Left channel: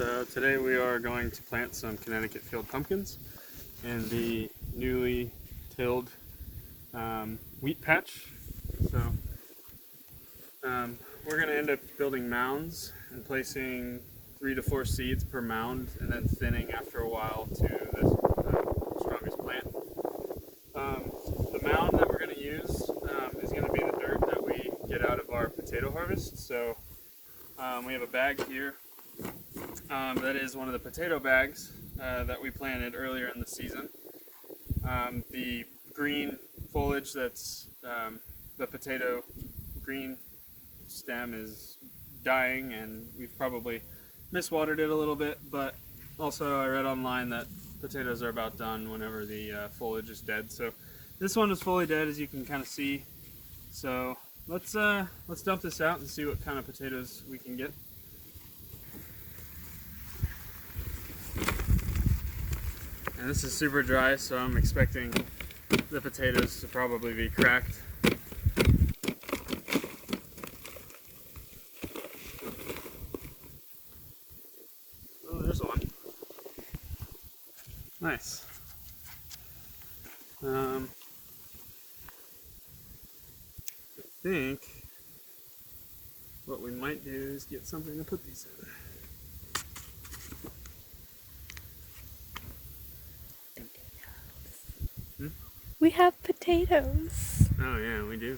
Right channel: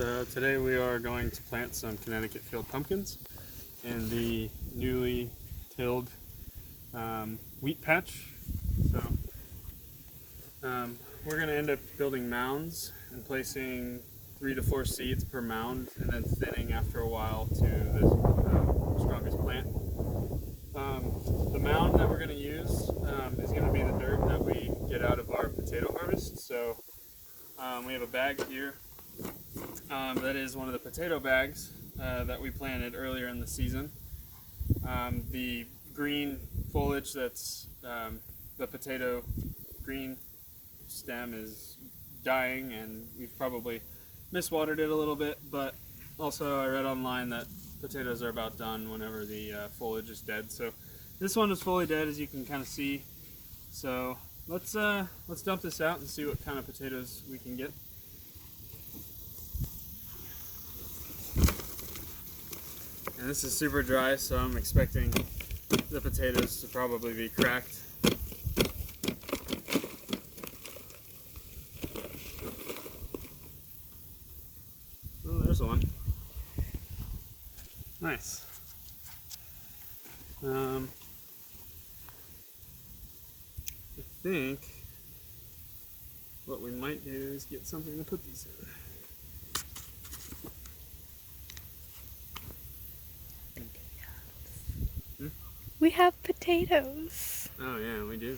So today we are going to plant some Connecticut field pumpkins in the newly tilled wheat patch. So we're going to end up building mounds and placing 3 to 4 seeds per mound, and then thinning after a while to the strongest plant. The mound that we're going to use is going to be the dirt that we get out of our potato harvest. So we have a bag here that is one of the potato bags that we planted earlier in the season. The green foliage that's the potato green stem is dying, and we've probably miswatered it a little bit, but also I read online that potatoes are about done whenever the foliage is dead. So this one is fully dead, as you can kind of see. So let's dump this out and see what kind of potatoes we can get. And this is super dry, so I'm expecting the potatoes to probably be cracked. Oh, there's one. Nice. I think what we might do is get something to put these in. We have potatoes. Oh yeah, we do.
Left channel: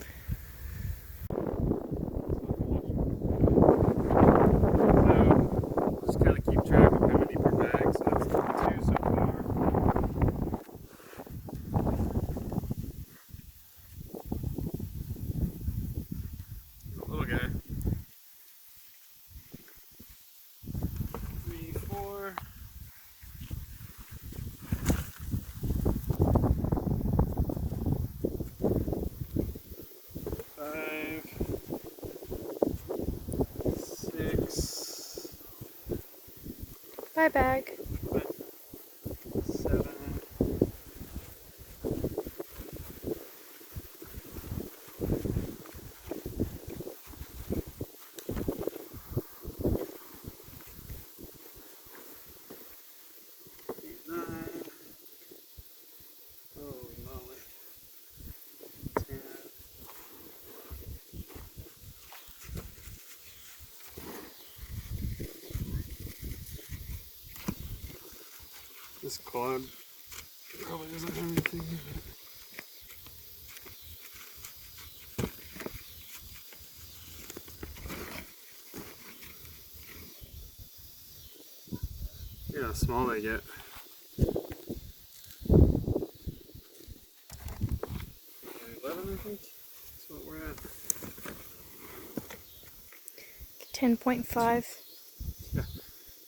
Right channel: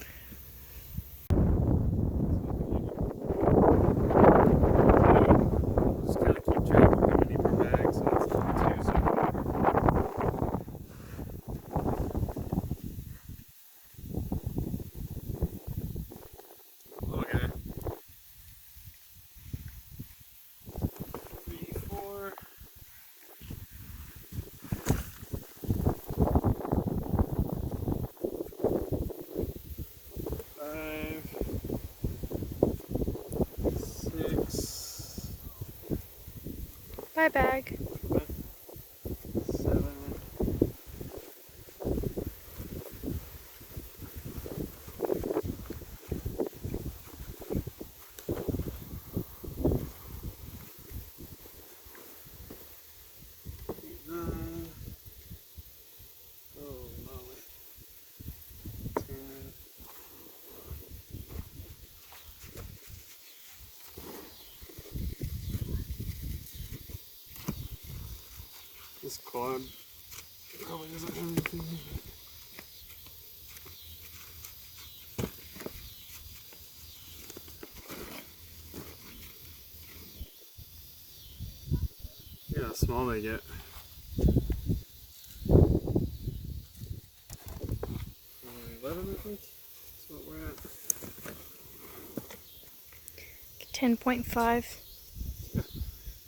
Just kind of keep track of how many per bag, so that's 2 so far. Little guy. 3, 4. 5, 6. Bye, bag. 7. 8, 9. Holy moly. 10. This quad probably doesn't have anything in it. Yeah, how small they get. 11, I think. That's what we're at. 10.5. Yeah,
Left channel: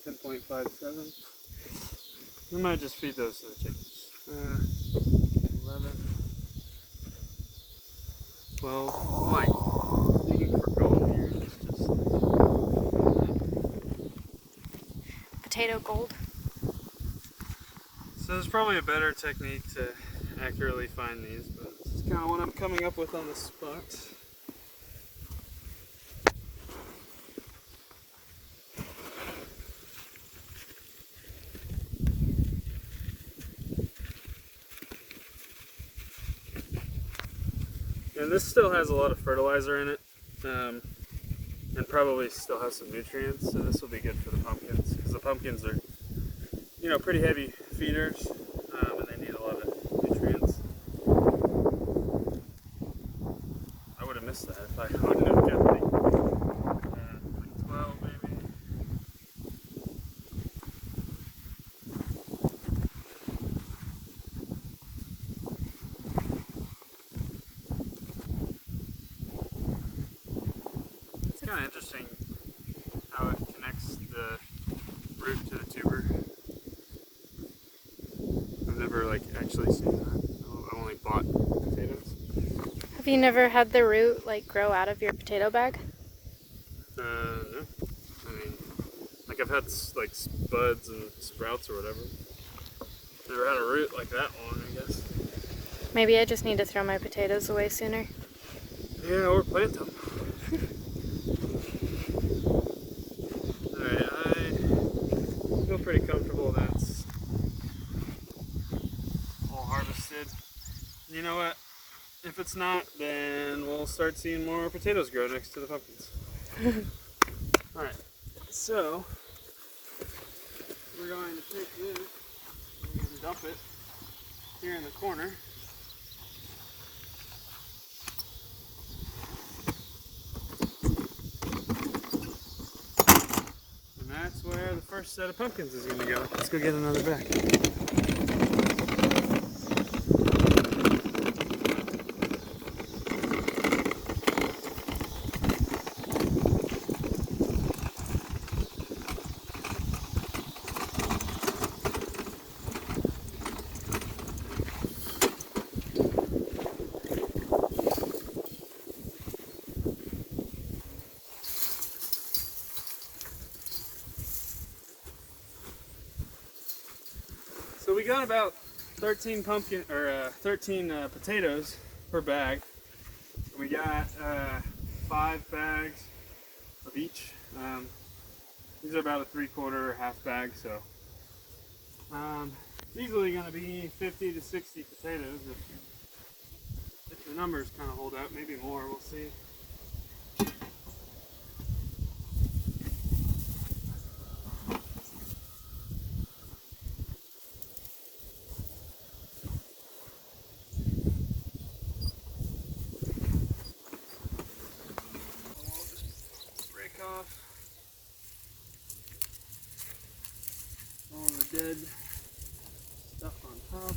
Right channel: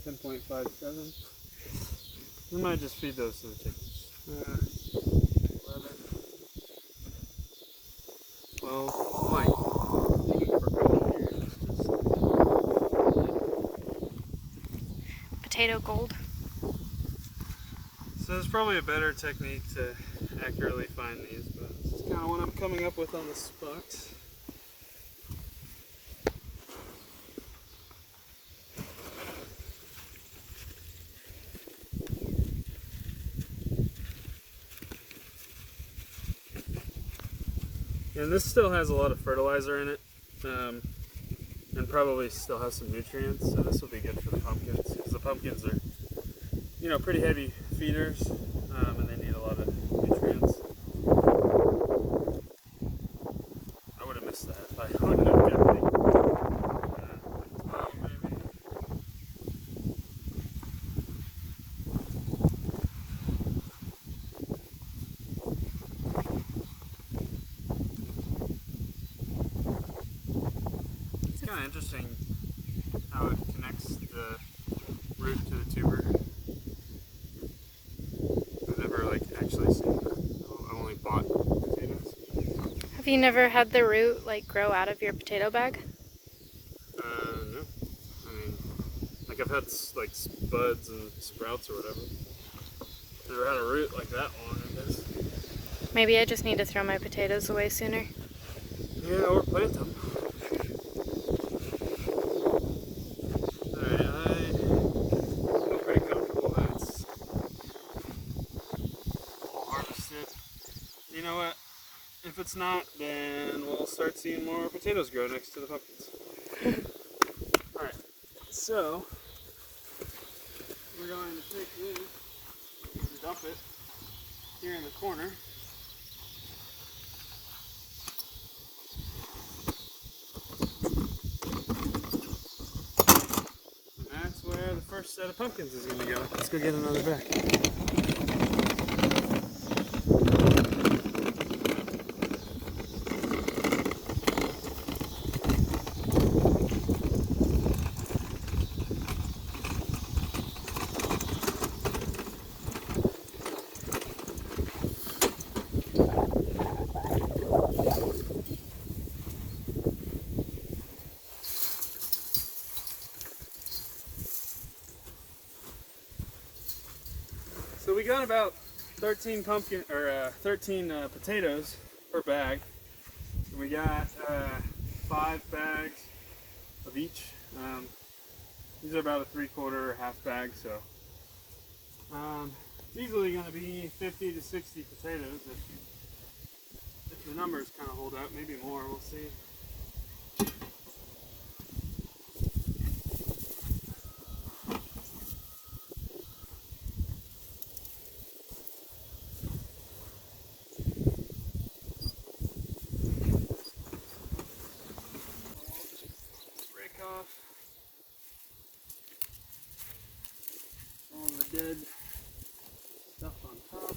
10.57. We might just feed those to the chickens. 11, 12. Mike, digging for gold here. Potato gold. So there's probably a better technique to accurately find these, but it's kind of what I'm coming up with on the spot. And this still has a lot of fertilizer in it, and probably still has some nutrients, so this will be good for the pumpkins, because the pumpkins are, you know, pretty heavy feeders, and they need a lot of nutrients. I would have missed that if I wouldn't have kept the 12 maybe. It's kind of interesting how it connects the root to the tuber. I've never actually seen that. I've only bought potatoes. Have you never had the root grow out of your potato bag? No. I mean, I've had spuds and sprouts or whatever. Never had a root like that long, I guess. Maybe I just need to throw my potatoes away sooner. Yeah, or plant them. Alright, know what? If it's not, then we'll start seeing more potatoes grow next to the pumpkins. Alright, so we're going to take this and dump it here in the corner. And that's where the first set of pumpkins is going to go. Let's go get another bag. So we got about 13 potatoes per bag. We got 5 bags of each. These are about a 3/4 or half bag, so it's easily going to be 50 to 60 potatoes if the numbers kind of hold out. Maybe more. We'll see. Off all the dead stuff on top,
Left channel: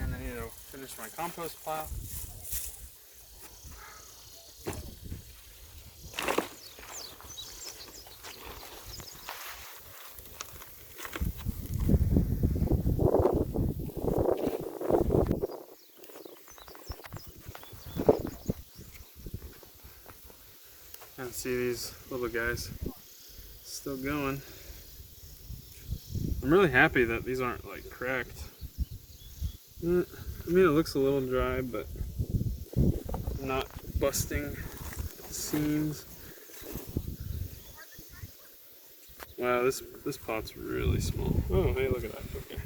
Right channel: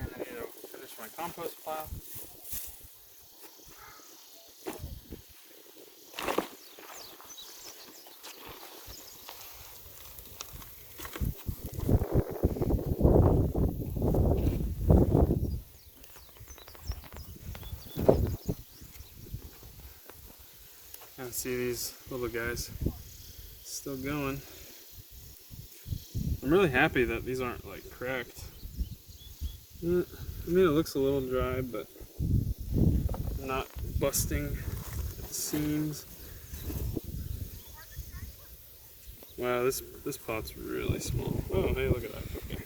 and I need to finish my compost pile. And see these little guys still going. I'm really happy that these aren't like cracked. I mean, it looks a little dry, but not busting seams. Wow, this pot's really small. Oh, hey, look at that. Okay.